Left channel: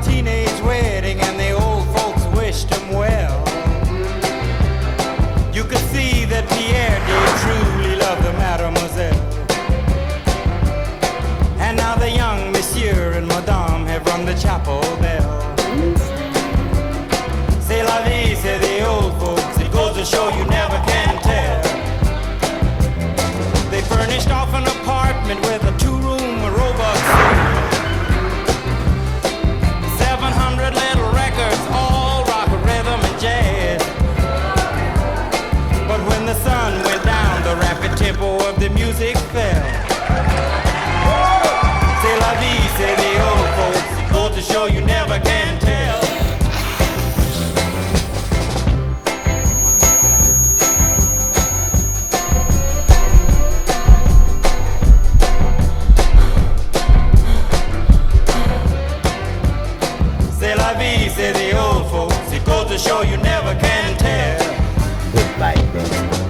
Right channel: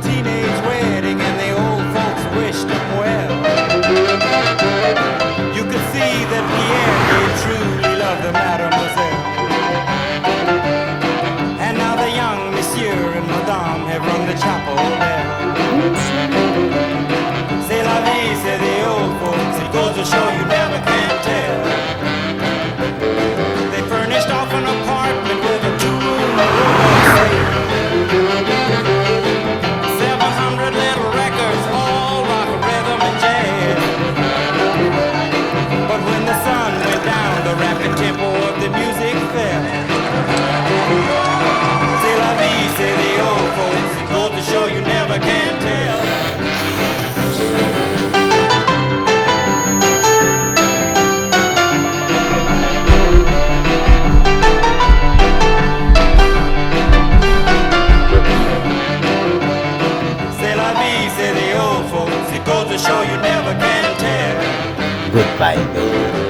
a teenage wedding and the old folks wished him well. You could see that Pierre did truly love the mademoiselle. And now the young monsieur and madame have rung the chapel bell. C'est la vie, say the old folks, it goes to show you never can tell. They furnished off an apartment with a two-room robot suite. 700 little records, all rock, rhythm, and jazz. But when the sun went down, the rapid tempo of the music fell. C'est la vie, say the old folks, it goes to show you never can tell. C'est la vie, say the old folks, it goes to show you never can tell. Goodbye, baby.